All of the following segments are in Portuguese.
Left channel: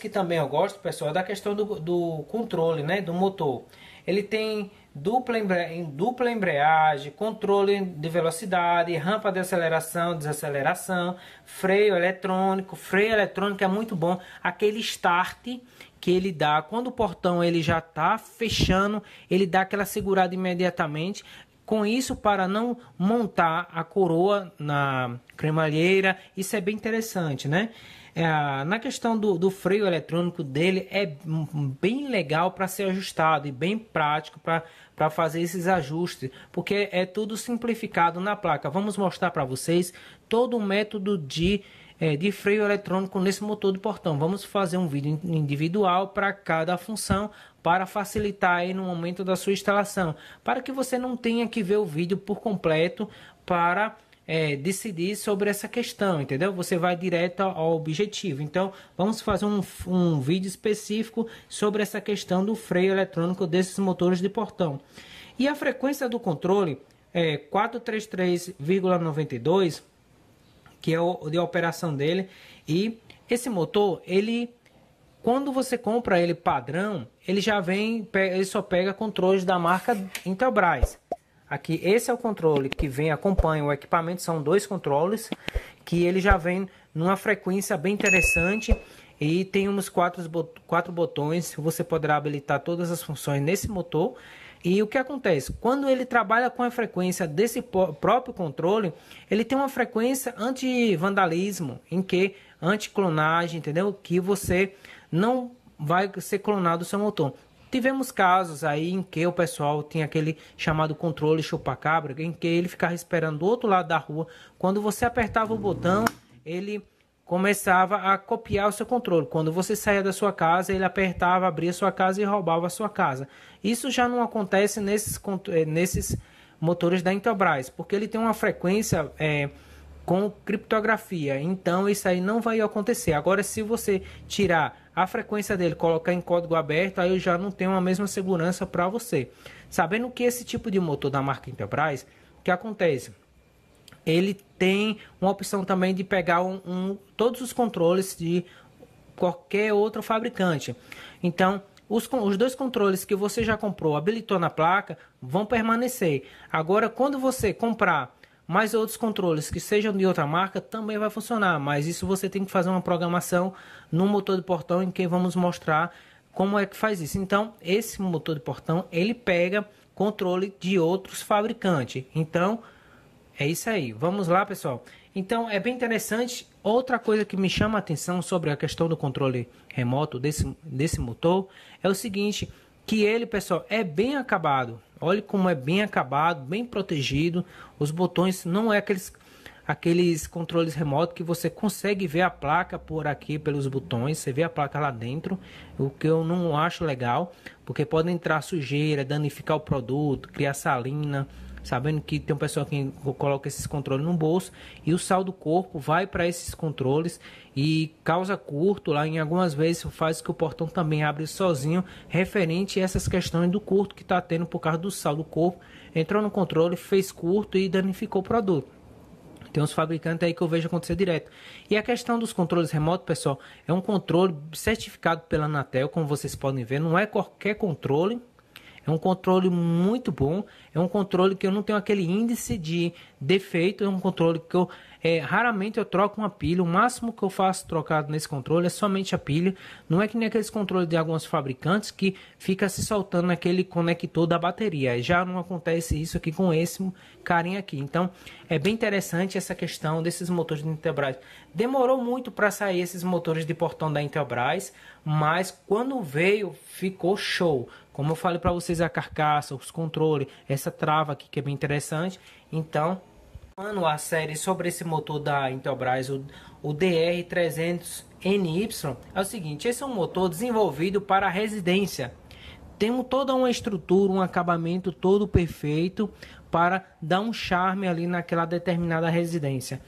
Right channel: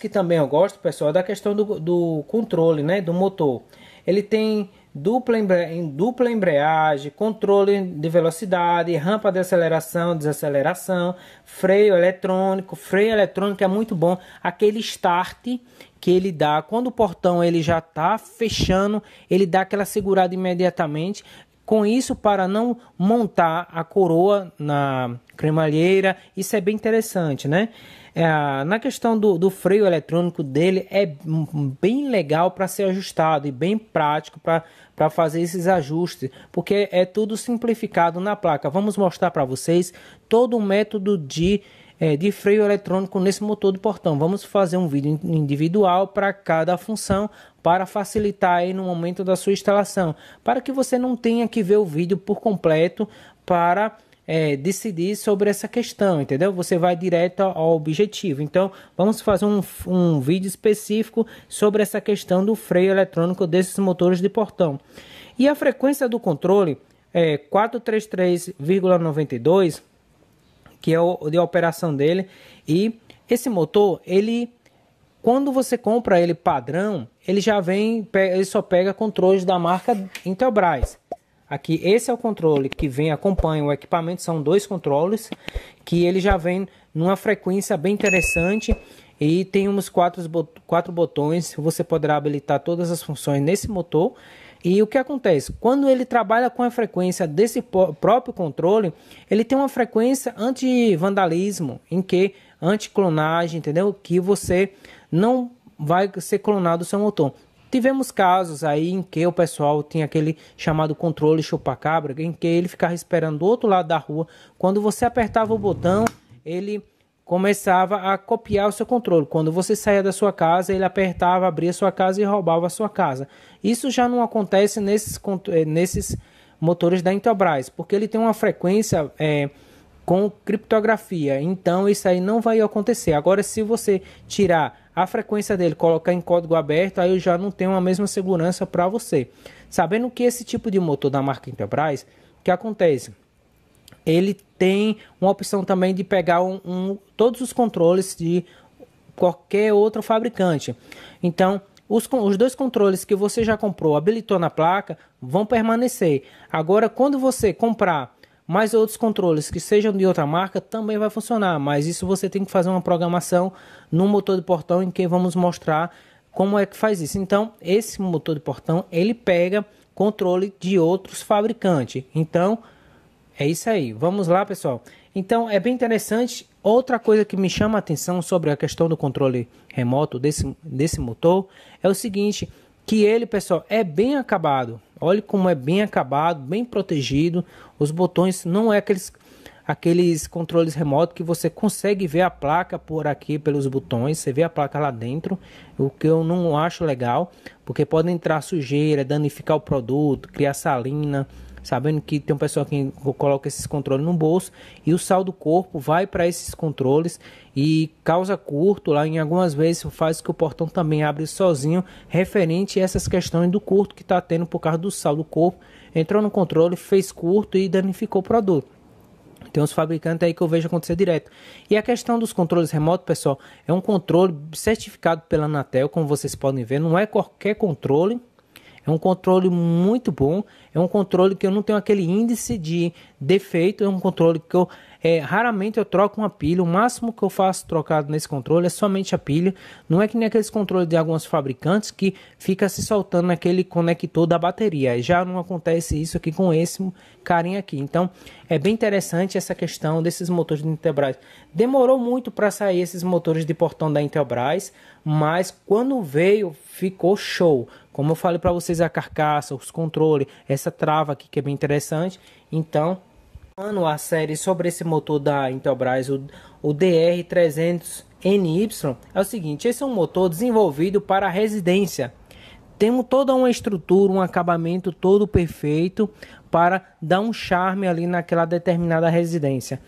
Que também eu gosto, pessoal, é da questão do controle, né, do motor. Ele tem dupla embreagem, controle de velocidade, rampa de aceleração, desaceleração, freio eletrônico. Freio eletrônico é muito bom, aquele start que ele dá quando o portão ele já está fechando, ele dá aquela segurada imediatamente. Com isso, para não montar a coroa na cremalheira, isso é bem interessante, né? Na questão do freio eletrônico dele, é bem legal para ser ajustado e bem prático para fazer esses ajustes, porque é tudo simplificado na placa. Vamos mostrar para vocês todo o método de freio eletrônico nesse motor de portão. Vamos fazer um vídeo individual para cada função, para facilitar aí no momento da sua instalação, para que você não tenha que ver o vídeo por completo para decidir sobre essa questão, entendeu? Você vai direto ao objetivo. Então, vamos fazer um vídeo específico sobre essa questão do freio eletrônico desses motores de portão. E a frequência do controle é 433,92, que é o de operação dele. E esse motor, ele, quando você compra ele padrão, ele já vem, ele só pega controles da marca Intelbras. Aqui, esse é o controle que vem, acompanha o equipamento, são dois controles, que ele já vem numa frequência bem interessante e tem uns quatro botões, você poderá habilitar todas as funções nesse motor. E o que acontece? Quando ele trabalha com a frequência desse próprio controle, ele tem uma frequência anti-vandalismo, anti-clonagem, entendeu? Que você não vai ser clonado o seu motor. Tivemos casos aí em que o pessoal tinha aquele chamado controle chupa-cabra, em que ele ficava esperando do outro lado da rua. Quando você apertava o botão, ele começava a copiar o seu controle. Quando você saía da sua casa, ele apertava, abria a sua casa e roubava a sua casa. Isso já não acontece nesses motores da Intelbras, porque ele tem uma frequência com criptografia. Então isso aí não vai acontecer. Agora, se você tirar a frequência dele, colocar em código aberto, aí eu já não tenho a mesma segurança para você. Sabendo que esse tipo de motor da marca Intelbras, o que acontece? Ele tem uma opção também de pegar todos os controles de qualquer outro fabricante. Então, os dois controles que você já comprou, habilitou na placa, vão permanecer. Agora, quando você comprar mais outros controles que sejam de outra marca, também vai funcionar. Mas isso você tem que fazer uma programação no motor de portão, em que vamos mostrar como é que faz isso. Então, esse motor de portão, ele pega controle de outros fabricantes. Então, é isso aí. Vamos lá, pessoal. Então, é bem interessante. Outra coisa que me chama a atenção sobre a questão do controle remoto desse motor é o seguinte, que ele, pessoal, é bem acabado. Olha como é bem acabado, bem protegido. Os botões não é aqueles controles remotos que você consegue ver a placa por aqui pelos botões. Você vê a placa lá dentro, o que eu não acho legal, porque pode entrar sujeira, danificar o produto, criar salina. Sabendo que tem um pessoal que coloca esses controles no bolso e o sal do corpo vai para esses controles e causa curto lá. Em algumas vezes faz que o portão também abre sozinho, referente a essas questões do curto que está tendo por causa do sal do corpo. Entrou no controle, fez curto e danificou o produto. Tem uns fabricantes aí que eu vejo acontecer direto. E a questão dos controles remotos, pessoal, é um controle certificado pela Anatel, como vocês podem ver. Não é qualquer controle. É um controle muito bom, é um controle que eu não tenho aquele índice de defeito, é um controle que raramente eu troco uma pilha. O máximo que eu faço trocado nesse controle é somente a pilha. Não é que nem aqueles controles de alguns fabricantes que fica se soltando naquele conector da bateria. Já não acontece isso aqui com esse carinha aqui. Então é bem interessante essa questão desses motores da Intelbras. Demorou muito para sair esses motores de portão da Intelbras, mas quando veio ficou show. Como eu falei para vocês, a carcaça, os controles, essa trava aqui que é bem interessante. Então, a série sobre esse motor da Intelbras, o DR300NY, é o seguinte: esse é um motor desenvolvido para a residência. Temos toda uma estrutura, um acabamento todo perfeito para dar um charme ali naquela determinada residência.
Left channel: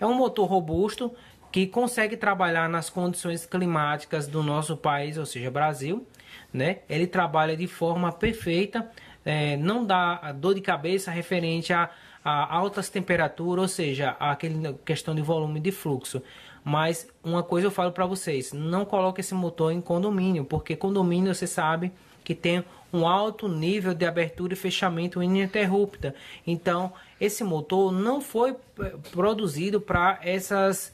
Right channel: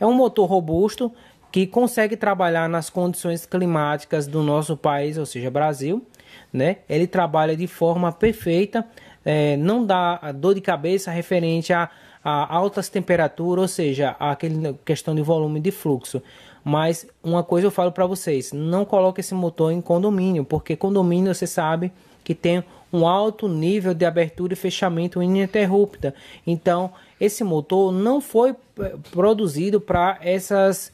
É um motor robusto que consegue trabalhar nas condições climáticas do nosso país, ou seja, Brasil, né? Ele trabalha de forma perfeita, não dá dor de cabeça referente a altas temperaturas, ou seja, aquela questão de volume de fluxo. Mas uma coisa eu falo para vocês, não coloque esse motor em condomínio, porque condomínio você sabe que tem um alto nível de abertura e fechamento ininterrupta. Então, esse motor não foi produzido para essas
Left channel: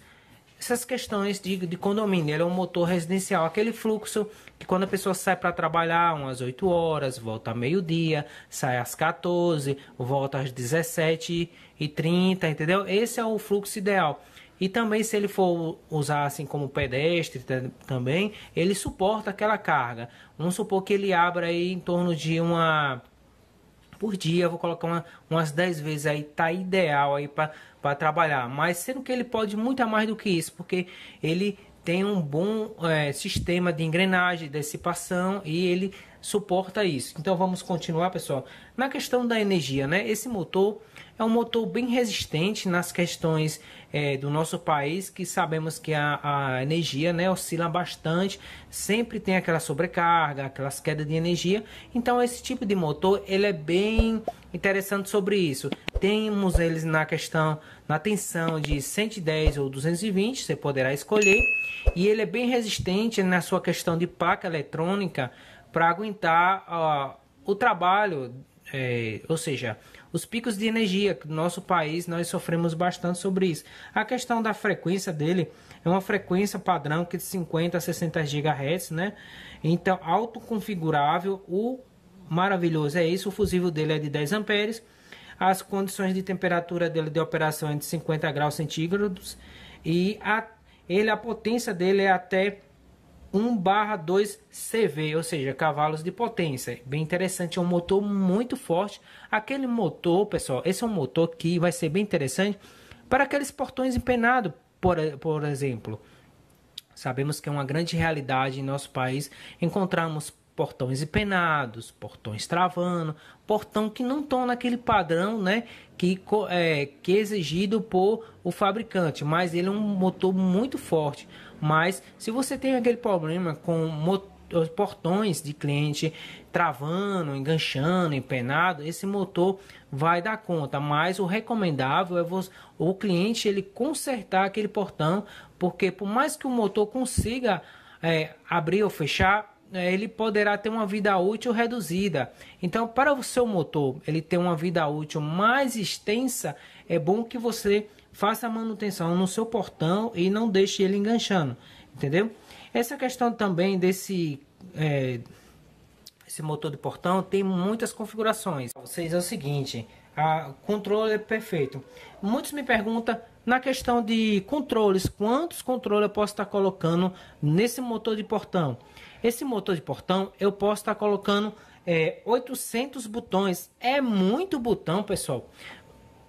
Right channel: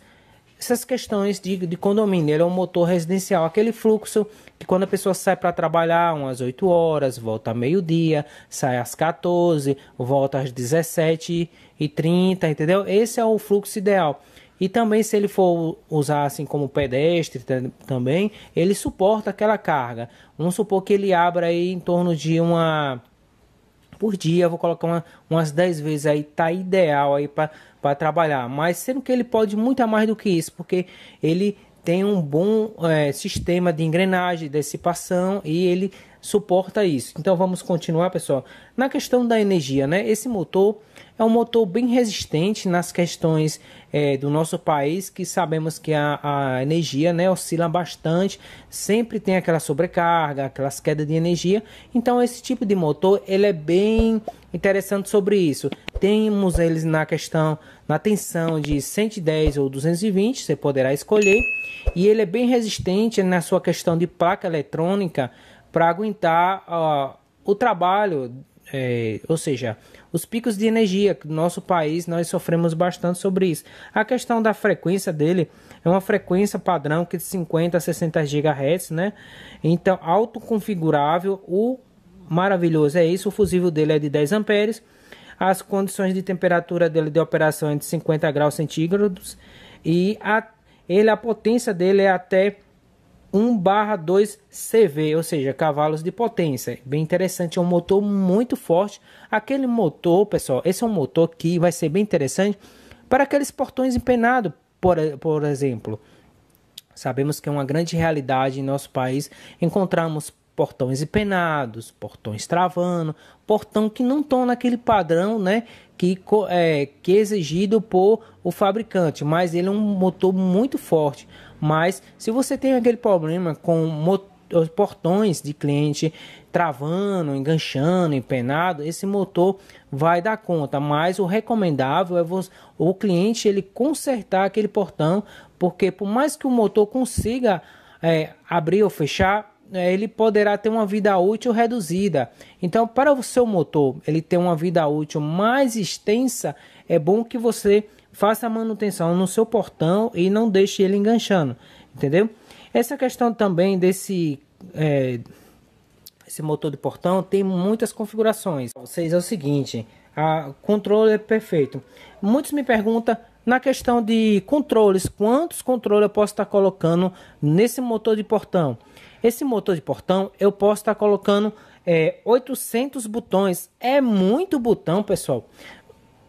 questões de condomínio. Ele é um motor residencial, aquele fluxo que quando a pessoa sai para trabalhar umas 8 horas, volta a meio-dia, sai às 14, volta às 17h30, entendeu? Esse é o fluxo ideal. E também se ele for usar assim como pedestre também, ele suporta aquela carga. Vamos supor que ele abra aí em torno de uma por dia, eu vou colocar umas 10 vezes aí, tá ideal aí para trabalhar. Mas sendo que ele pode muito mais do que isso, porque ele tem um bom sistema de engrenagem, de dissipação e ele suporta isso. Então vamos continuar, pessoal. Na questão da energia, né? Esse motor é um motor bem resistente nas questões do nosso país, que sabemos que a energia, né, oscila bastante, sempre tem aquela sobrecarga, aquelas quedas de energia. Então esse tipo de motor ele é bem interessante sobre isso. Temos eles na tensão de 110 ou 220, você poderá escolher. E ele é bem resistente na sua questão de placa eletrônica para aguentar o trabalho, ou seja, os picos de energia que no nosso país nós sofremos bastante sobre isso. A questão da frequência dele é uma frequência padrão que de 50 a 60 GHz, né? Então, autoconfigurável. O maravilhoso é isso, o fusível dele é de 10 amperes. As condições de temperatura dele de operação é de 50 graus centígrados e a potência dele é até 1/2 CV, ou seja, cavalos de potência. Bem interessante, é um motor muito forte. Aquele motor, pessoal, esse é um motor que vai ser bem interessante para aqueles portões empenados, por exemplo. Sabemos que é uma grande realidade em nosso país encontramos portões empenados, portões travando, portão que não estão naquele padrão, né, que é exigido por o fabricante, mas ele é um motor muito forte. Mas se você tem aquele problema com os portões de cliente travando, enganchando, empenado, esse motor vai dar conta. Mas o recomendável é o cliente ele consertar aquele portão, porque por mais que o motor consiga abrir ou fechar, ele poderá ter uma vida útil reduzida. Então, para o seu motor ele ter uma vida útil mais extensa, é bom que você faça a manutenção no seu portão e não deixe ele enganchando, entendeu? Essa questão também desse esse motor de portão tem muitas configurações. Vocês é o seguinte, o controle é perfeito. Muitos me perguntam na questão de controles, quantos controles eu posso estar colocando nesse motor de portão? Esse motor de portão eu posso estar colocando 800 botões. É muito botão, pessoal.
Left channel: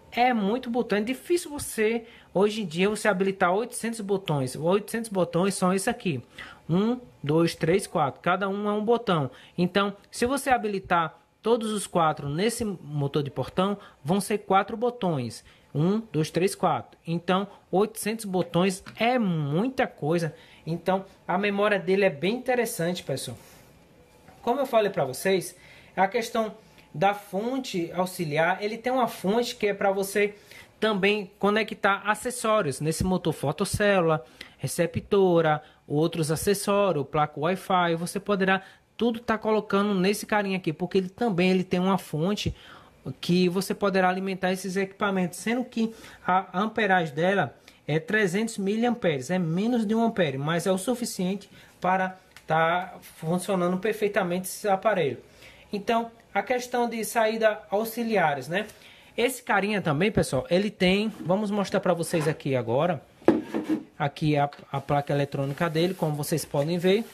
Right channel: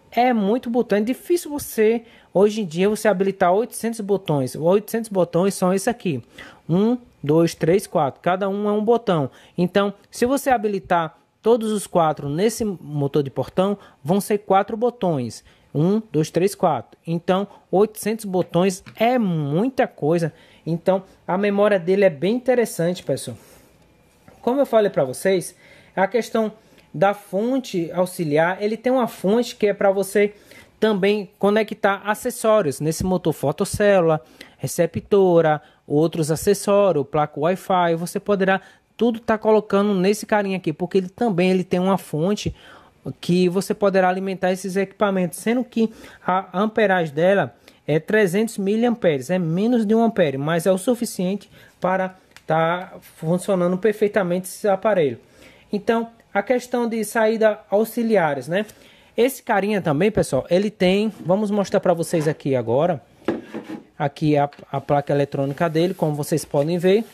É muito botão. É difícil você, hoje em dia, você habilitar 800 botões. 800 botões são esse aqui. 1, 2, 3, 4. Cada um é um botão. Então, se você habilitar todos os 4 nesse motor de portão, vão ser 4 botões. 1, 2, 3, 4. Então, 800 botões é muita coisa. Então, a memória dele é bem interessante, pessoal. Como eu falei para vocês, a questão da fonte auxiliar, ele tem uma fonte que é para você também conectar acessórios nesse motor, fotocélula, receptora, outros acessórios, placa Wi-Fi, você poderá tudo estar colocando nesse carinha aqui, porque ele tem uma fonte que você poderá alimentar esses equipamentos, sendo que a amperagem dela é 300 miliamperes, é menos de 1 ampere, mas é o suficiente para estar funcionando perfeitamente esse aparelho. Então, a questão de saída auxiliares, né? Esse carinha também, pessoal, ele tem, vamos mostrar para vocês aqui agora, aqui a placa eletrônica dele, como vocês podem ver,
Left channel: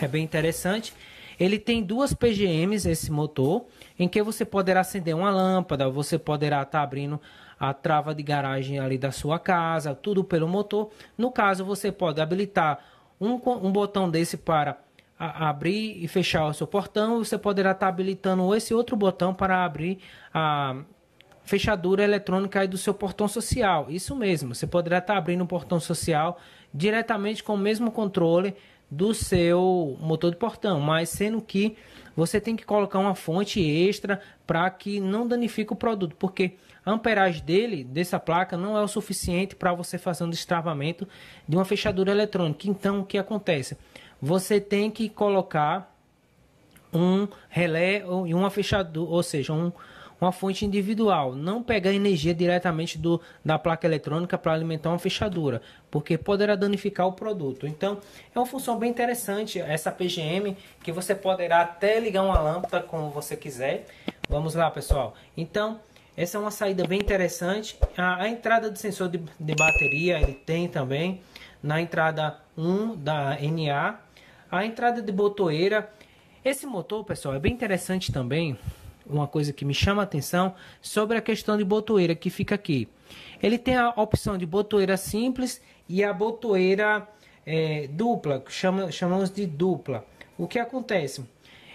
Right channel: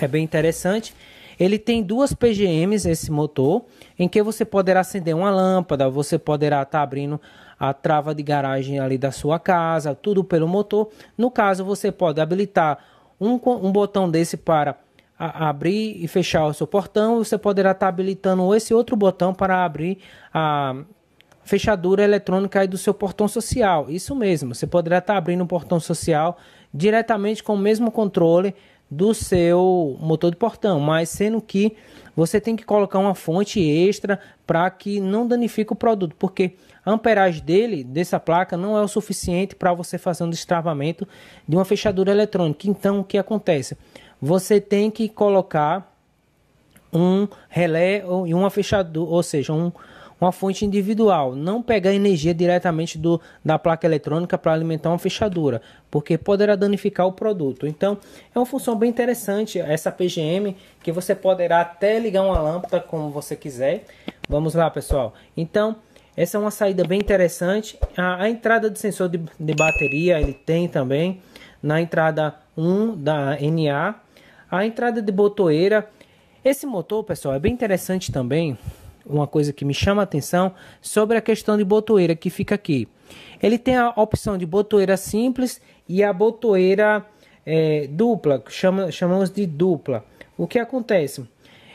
é bem interessante. Ele tem 2 PGMs, esse motor, em que você poderá acender uma lâmpada, você poderá estar abrindo a trava de garagem ali da sua casa, tudo pelo motor. No caso, você pode habilitar um botão desse para abrir e fechar o seu portão. Você poderá estar habilitando esse outro botão para abrir a fechadura eletrônica aí do seu portão social. Isso mesmo, você poderá estar abrindo um portão social diretamente com o mesmo controle do seu motor de portão, mas sendo que você tem que colocar uma fonte extra para que não danifique o produto, porque a amperagem dessa placa não é o suficiente para você fazer um destravamento de uma fechadura eletrônica. Então, o que acontece? Você tem que colocar um relé e uma fechadura, ou seja, uma fonte individual. Não pegar energia diretamente da placa eletrônica para alimentar uma fechadura, porque poderá danificar o produto. Então, é uma função bem interessante essa PGM, que você poderá até ligar uma lâmpada como você quiser. Vamos lá, pessoal. Então, essa é uma saída bem interessante. A entrada de sensor de bateria ele tem também na entrada 1 da NA. A entrada de botoeira. Esse motor, pessoal, é bem interessante também. Uma coisa que me chama a atenção sobre a questão de botoeira que fica aqui. Ele tem a opção de botoeira simples e a botoeira dupla, chamamos de dupla. O que acontece?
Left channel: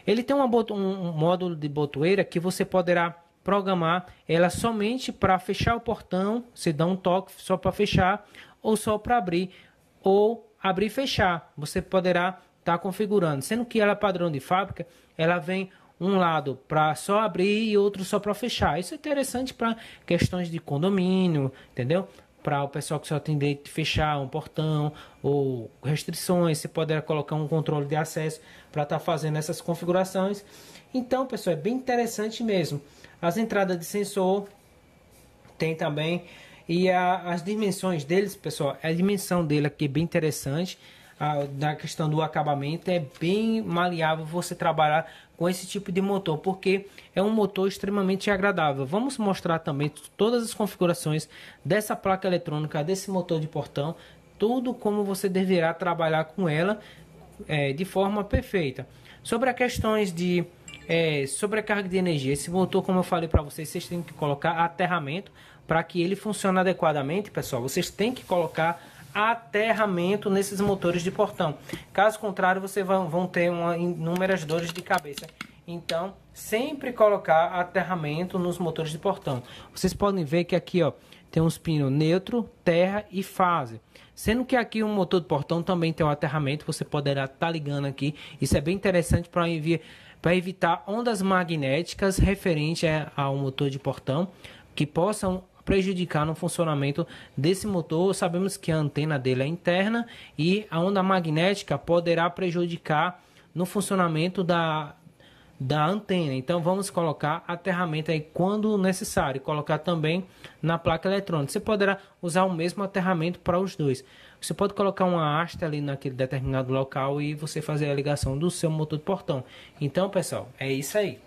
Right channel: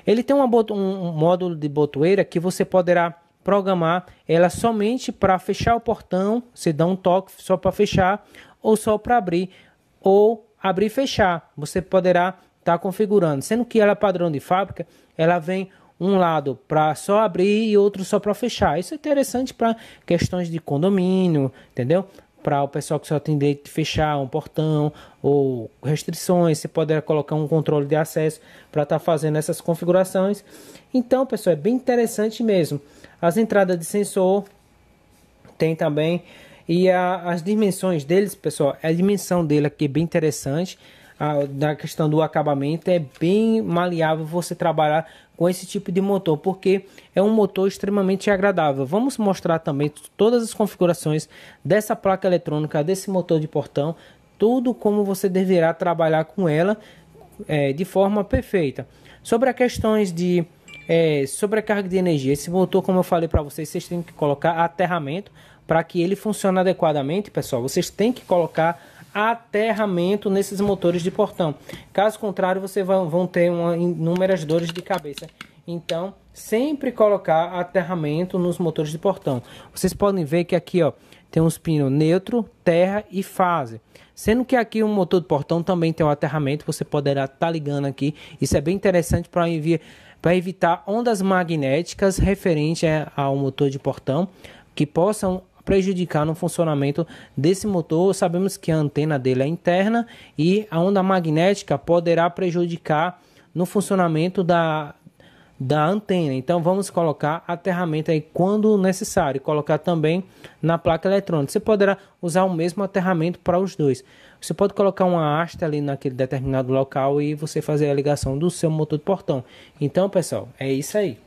Ele tem um módulo de botoeira que você poderá programar ela somente para fechar o portão. Você dá um toque só para fechar ou só para abrir, ou abrir e fechar. Você poderá estar configurando, sendo que ela é padrão de fábrica, ela vem um lado para só abrir e outro só para fechar. Isso é interessante para questões de condomínio, entendeu? Para o pessoal que só tem direito de fechar um portão ou restrições, você poderá colocar um controle de acesso para estar fazendo essas configurações. Então, pessoal, é bem interessante mesmo. As entradas de sensor tem também, e as dimensões deles, pessoal, a dimensão dele aqui é bem interessante. Da questão do acabamento é bem maleável você trabalhar com esse tipo de motor, porque é um motor extremamente agradável. Vamos mostrar também todas as configurações dessa placa eletrônica, desse motor de portão, tudo como você deverá trabalhar com ela de forma perfeita. Sobre as questões de sobrecarga de energia, esse motor, como eu falei para vocês, vocês têm que colocar aterramento para que ele funcione adequadamente, pessoal. Vocês têm que colocar aterramento nesses motores de portão. Caso contrário, vocês vão ter inúmeras dores de cabeça. Então, sempre colocar aterramento nos motores de portão. Vocês podem ver que aqui, ó, tem uns pinos neutro, terra e fase. Sendo que aqui o motor de portão também tem um aterramento, você poderá estar ligando aqui. Isso é bem interessante para evitar ondas magnéticas referentes ao motor de portão que possam prejudicar no funcionamento desse motor. Sabemos que a antena dele é interna e a onda magnética poderá prejudicar no funcionamento da antena. Então vamos colocar aterramento aí quando necessário, colocar também na placa eletrônica. Você poderá usar o mesmo aterramento para os dois. Você pode colocar uma haste ali naquele determinado local e você fazer a ligação do seu motor de portão. Então, pessoal, é isso aí.